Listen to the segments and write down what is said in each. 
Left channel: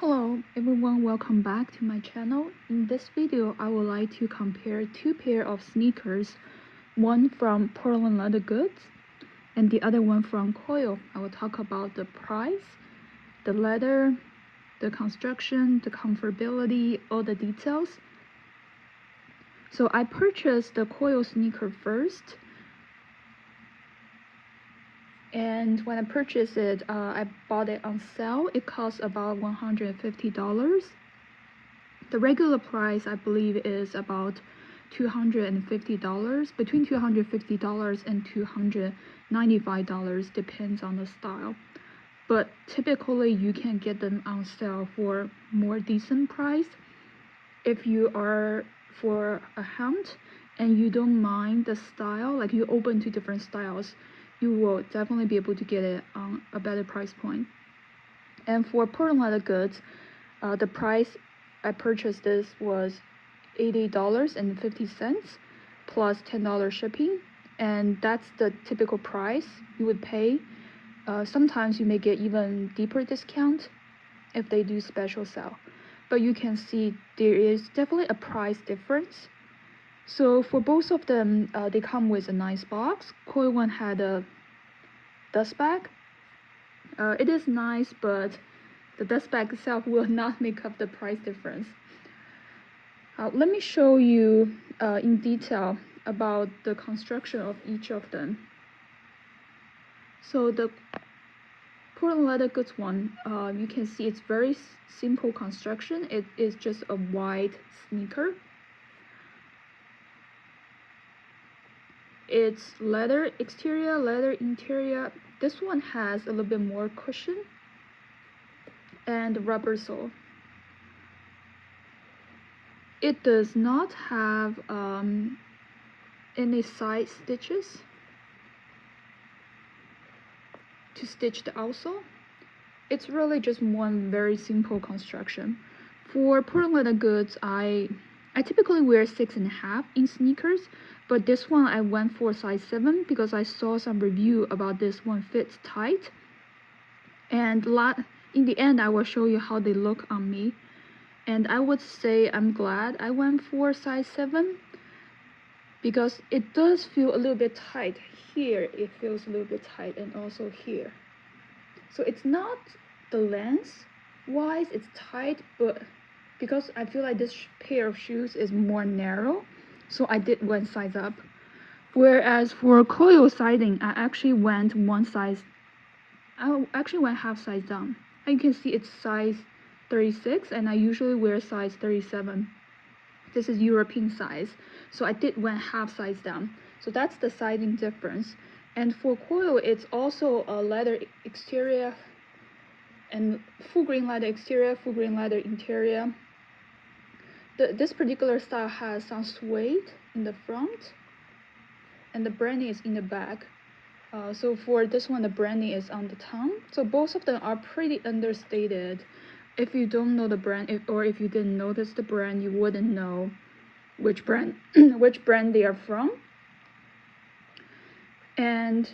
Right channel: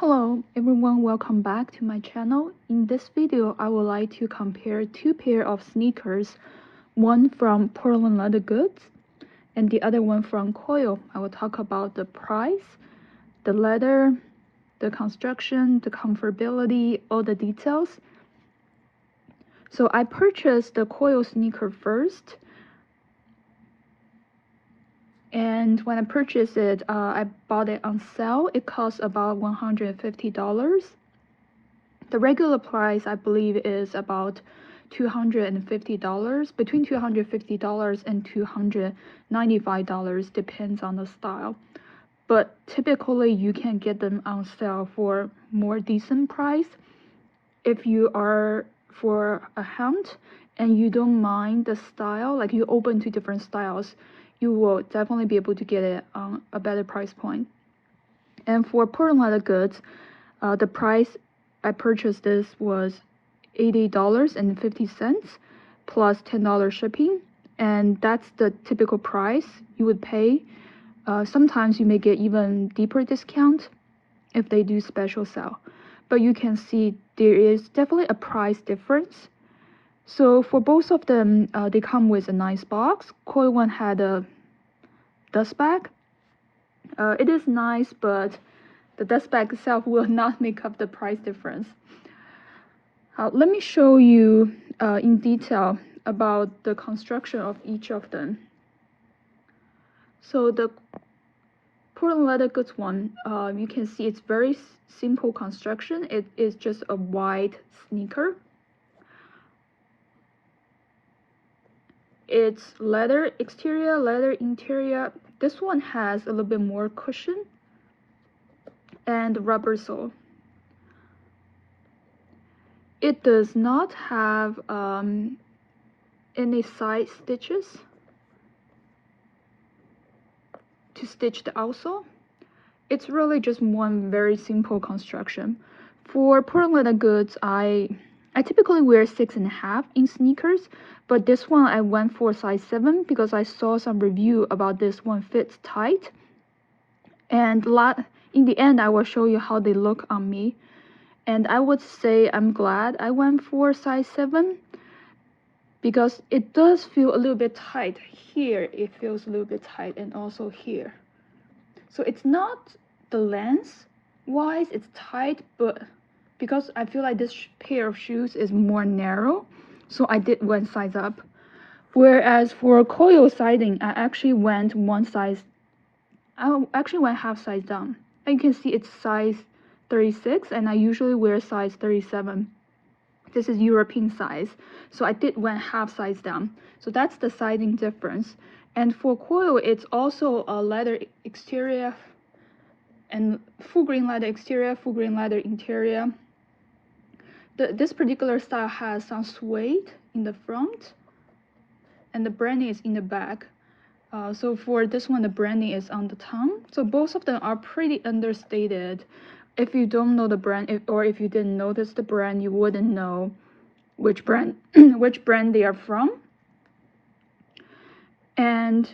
Hello everyone, welcome back to my channel. In this video, I would like to compare two pair of sneakers, one from Portland Leather Goods and the other one from Koio. I will talk about the price, the leather, the construction, the comfortability, all the details. So I purchased the Koio sneaker first. And when I purchased it, I bought it on sale. It cost about $150. The regular price, I believe, is about $250, between $250 and $295, depends on the style. But typically, you can get them on sale for more decent price. If you are for a hunt and you don't mind the style, like you open to different styles, you will definitely be able to get it on a better price point. And for Portland Leather Goods, the price I purchased this was $80.50 plus $10 shipping, and that's the typical price you would pay. Sometimes you may get even deeper discount if they do special sale, but you can see there is definitely a price difference. So for both of them, they come with a nice box. Koio one had a dust bag. It is nice, but the dust bag itself will not make up the price difference. Let me show you in detail about the construction of each of them. So the Portland Leather Goods one, you can see it's very simple construction. It is just a white sneaker. It's leather exterior, leather interior. This one has a little bit more cushion and rubber sole. It does not have any side stitches to stitch the outsole. It's really just one very simple construction. For Portland Leather Goods, I typically wear 6.5 in sneakers, but this one I went for size 7 because I saw some review about this one fits tight. And in the end, I will show you how they look on me. And I would say I'm glad I went for size 7 because it does feel a little bit tight. Here it feels a little bit tight, and also here. So it's not the length wise, it's tight, but because I feel like this pair of shoes is more narrow, so I did one size up. Whereas for Koio sizing, I actually went half size down. And you can see it's size 36, and I usually wear size 37. This is European size, so I did went half size down. So that's the sizing difference. And for Koio, it's also a leather exterior and full grain leather exterior, full grain leather interior. This particular style has some suede in the front, and the branding is in the back. So for this one, the branding is on the tongue. So both of them are pretty understated. If you don't know the brand, or if you didn't notice the brand, you wouldn't know which brand which brand they are from. And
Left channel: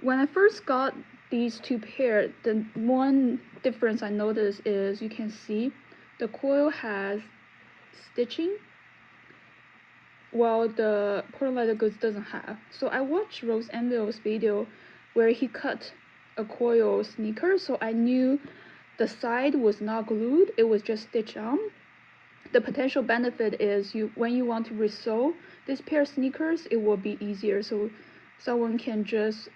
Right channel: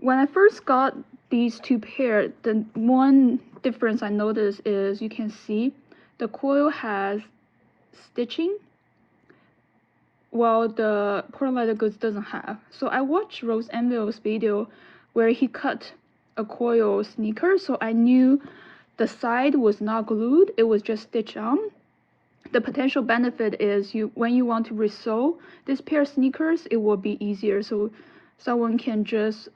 when I first got these two pairs, the one difference I noticed is you can see the Koio has stitching, while the Portland Leather Goods doesn't have. So I watched Rose Anvil's video where he cut a Koio sneaker, so I knew the side was not glued, it was just stitched on. The potential benefit is when you want to resole this pair of sneakers, it will be easier. So someone can just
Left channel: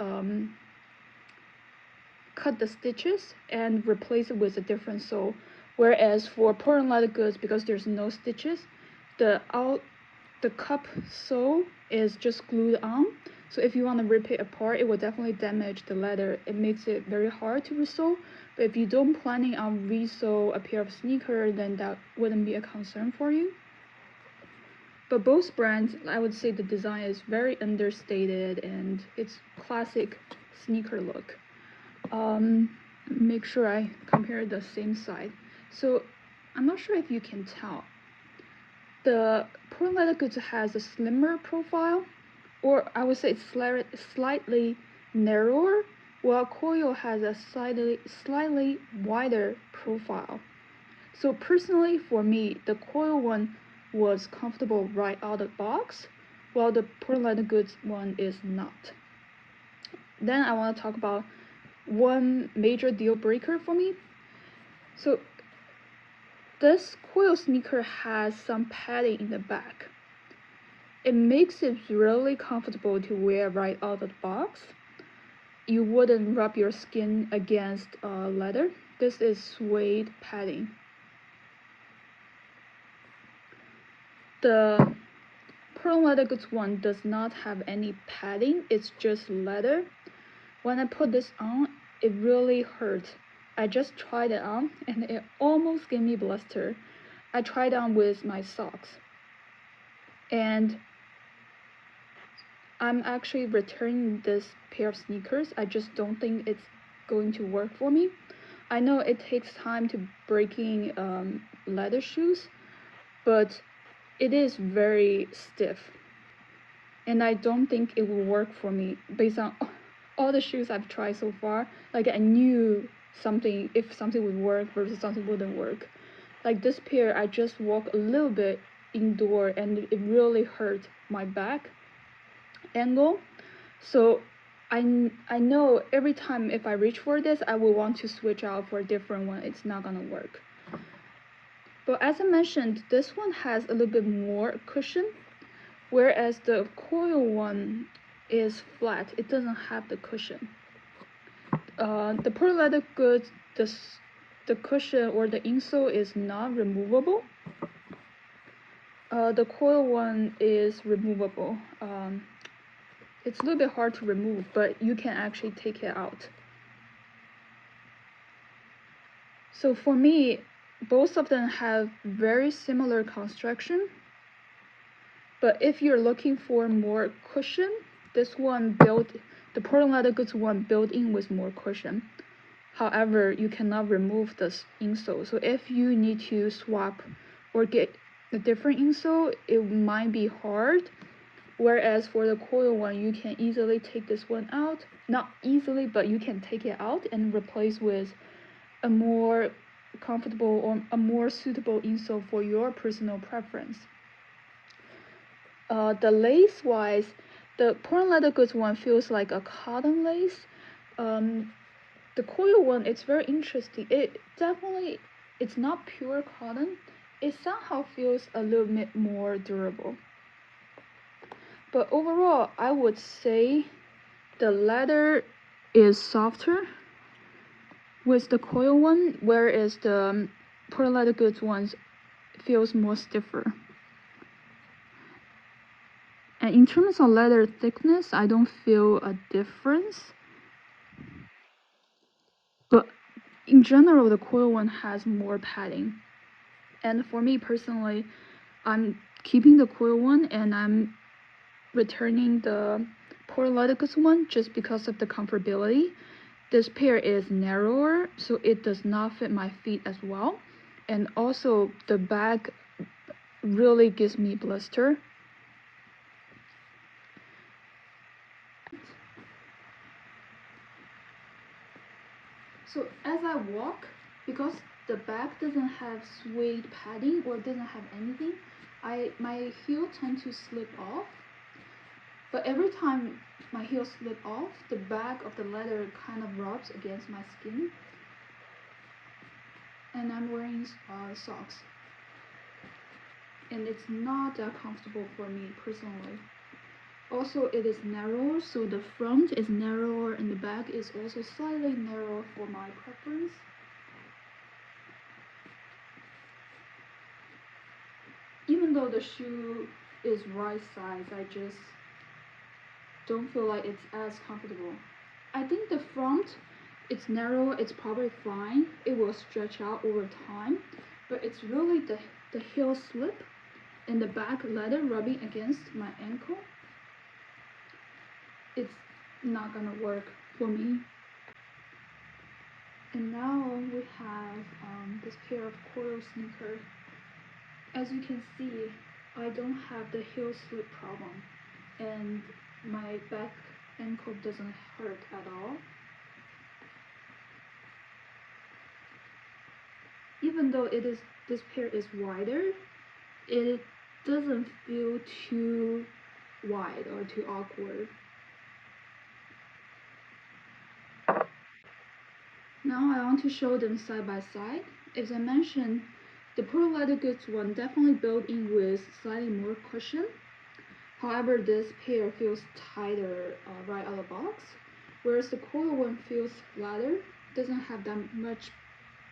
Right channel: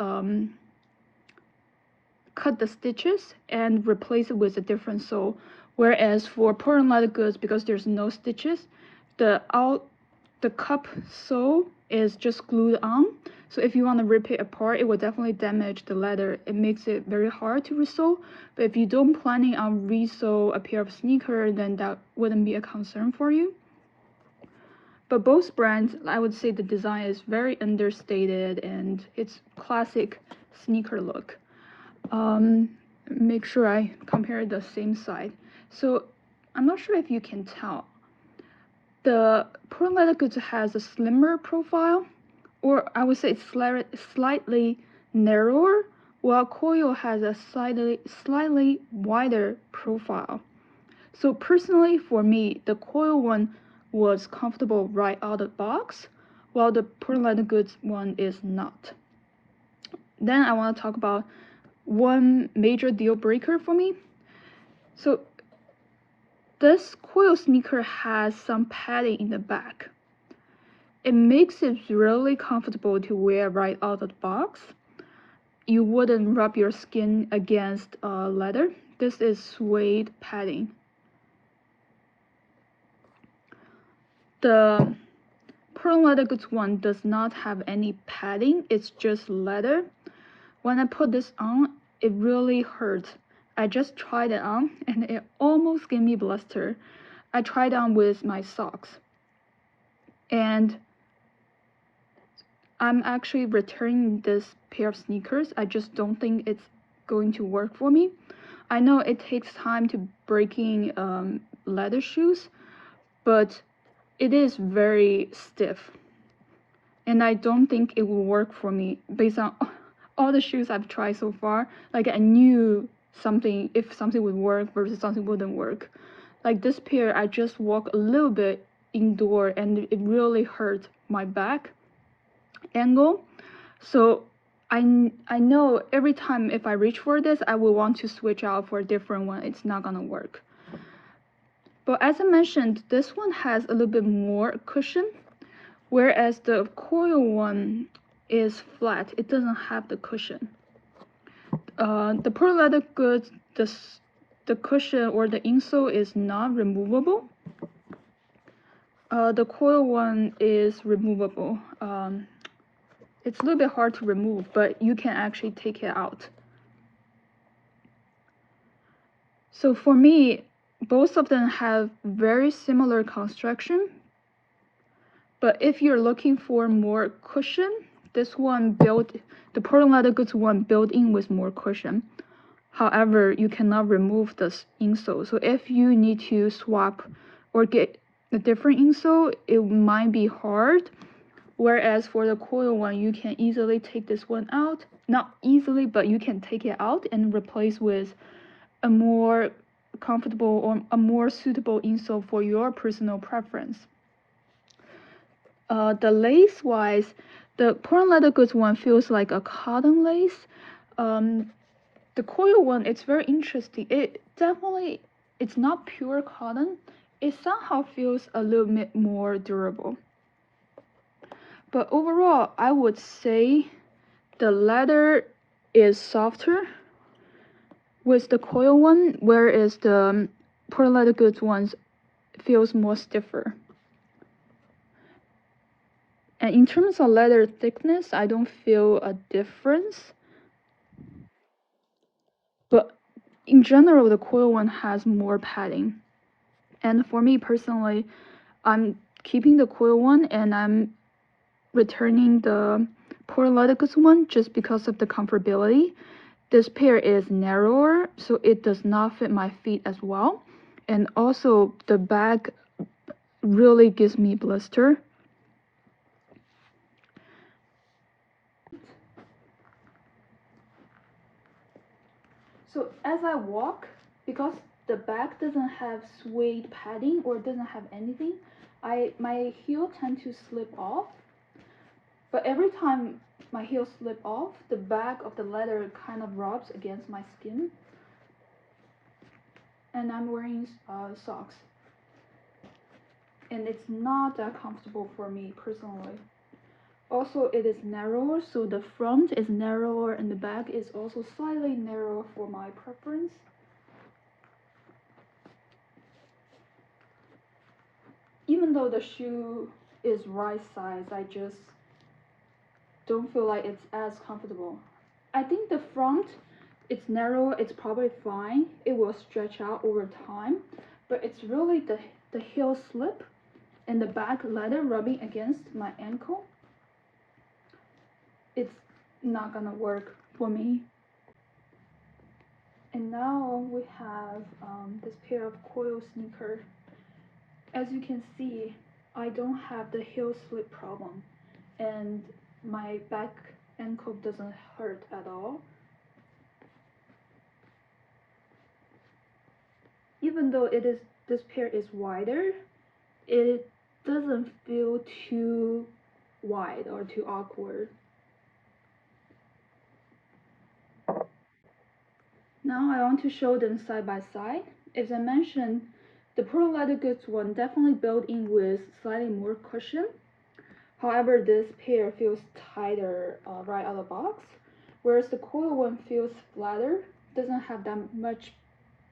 cut the stitches and replace it with a different sole. Whereas for Portland Leather Goods, because there's no stitches, the cup sole is just glued on. So if you want to rip it apart, it will definitely damage the leather. It makes it very hard to resole. But if you don't planning on resole a pair of sneakers, then that wouldn't be a concern for you. But both brands, I would say the design is very understated and it's classic sneaker look. Make sure I compare the same side. So I'm not sure if you can tell. The Portland Leather Goods has a slimmer profile, or I would say it's slightly narrower, while Koio has a slightly wider profile. So personally for me, the Koio one was comfortable right out of the box, while the Portland Leather Goods one is not. Then I want to talk about one major deal breaker for me. So this Koio sneaker has some padding in the back. It makes it really comfortable to wear right out of the box. You wouldn't rub your skin against leather. This is suede padding. The Portland Leather Goods one does not have any padding, it's just leather. When I put this on, it really hurt. I just tried it on and it almost gave me blister. I tried on with my socks. And I'm actually returning this pair of sneakers. I just don't think it's going to work for me. I know it takes time to breaking leather shoes, but it is very stiff. And I don't think it will work for me based on all the shoes I've tried so far. Like I knew something, if something would work versus something wouldn't work. Like this pair, I just walked a little bit indoor and it really hurt my back angle. So I know every time if I reach for this, I will want to switch out for a different one. It's not gonna work. But as I mentioned, this one has a little bit more cushion, whereas the Koio one is flat. It doesn't have the cushion. The Portland Leather Goods, the cushion or the insole is not removable. The Koio one is removable. It's a little bit hard to remove, but you can actually take it out. So for me, both of them have very similar construction. But if you're looking for more cushion, this one built, the Portland Leather Goods one built in with more cushion. However, you cannot remove the insole. So if you need to swap or get a different insole, it might be hard. Whereas for the Koio one, you can easily take this one out. Not easily, but you can take it out and replace with a more comfortable or a more suitable insole for your personal preference. The lace wise, the Portland Leather Goods one feels like a cotton lace. The Koio one, it's very interesting. It's not pure cotton. It somehow feels a little bit more durable. But overall, I would say the leather is softer with the Koio one, whereas the Portland Leather Goods ones feels more stiffer. And in terms of leather thickness, I don't feel a difference. But in general, the Koio one has more padding. And for me personally, I'm keeping the Koio one and I'm returning the Portland Leather Goods one just because of the comfortability. This pair is narrower, so it does not fit my feet as well. And also the bag really gives me blister. So as I walk, because the bag doesn't have suede padding or doesn't have anything, my heel tend to slip off. But every time my heel slip off, the back of the leather kind of rubs against my skin. And I'm wearing socks. And it's not that comfortable for me personally. Also, it is narrower, so the front is narrower and the back is also slightly narrower for my preference. Even though the shoe is right size, I just don't feel like it's as comfortable. I think the front, it's narrow, it's probably fine. It will stretch out over time, but it's really the heel slip and the back leather rubbing against my ankle. It's not gonna work for me. And now we have this pair of Koio sneakers. As you can see, I don't have the heel slip problem and my back ankle doesn't hurt at all. Even even though this pair is wider, it doesn't feel too wide or too awkward. Now I want to show them side by side. As I mentioned, the Pearl Leather Goods one definitely built in with slightly more cushion. However, this pair feels tighter right out of the box, whereas the Koio one feels flatter, doesn't have that much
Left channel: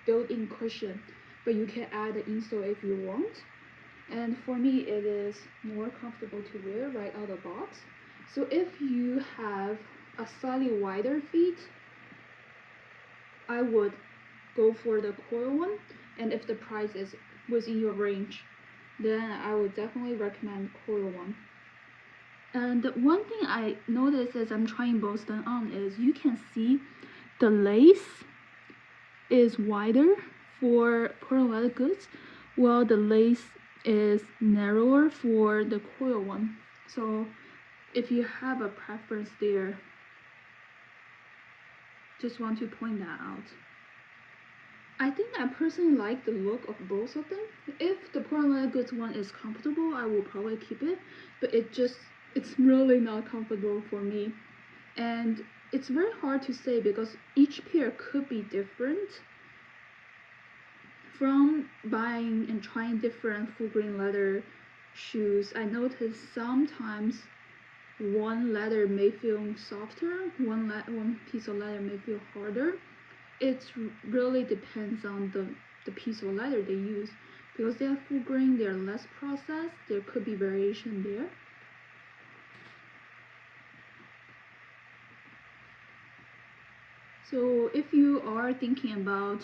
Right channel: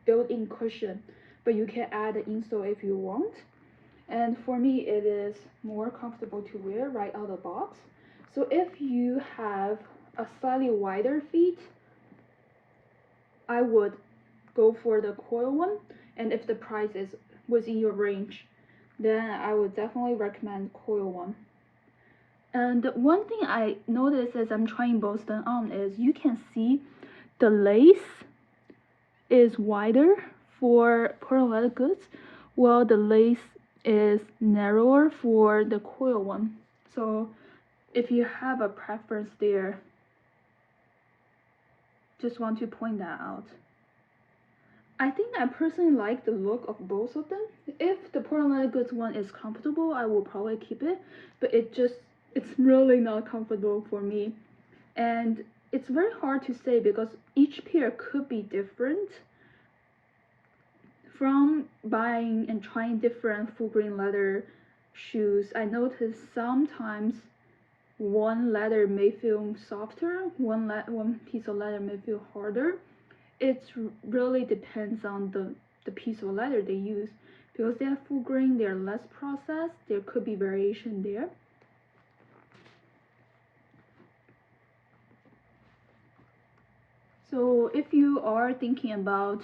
built-in cushion, but you can add the insole if you want. And for me, it is more comfortable to wear right out of the box. So if you have a slightly wider feet, I would go for the Koio one, and if the price is within your range, then I would definitely recommend Koio one. And one thing I noticed as I'm trying both them on is you can see the lace is wider for Pearl Leather Goods, while the lace is narrower for the Koio one. So if you have a preference there, just want to point that out. I think I personally like the look of both of them. If the Pearl Leather Goods one is comfortable, I will probably keep it, but it's really not comfortable for me. And it's very hard to say because each pair could be different. From buying and trying different full grain leather shoes, I noticed sometimes one leather may feel softer, one piece of leather may feel harder. It really depends on the piece of leather they use. Because they are full grain, they are less processed, there could be variation there. So if you are thinking about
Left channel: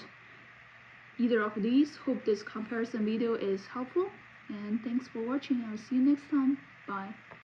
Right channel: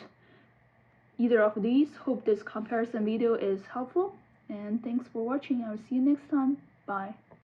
either of these, hope this comparison video is helpful, and thanks for watching. I'll see you next time. Bye.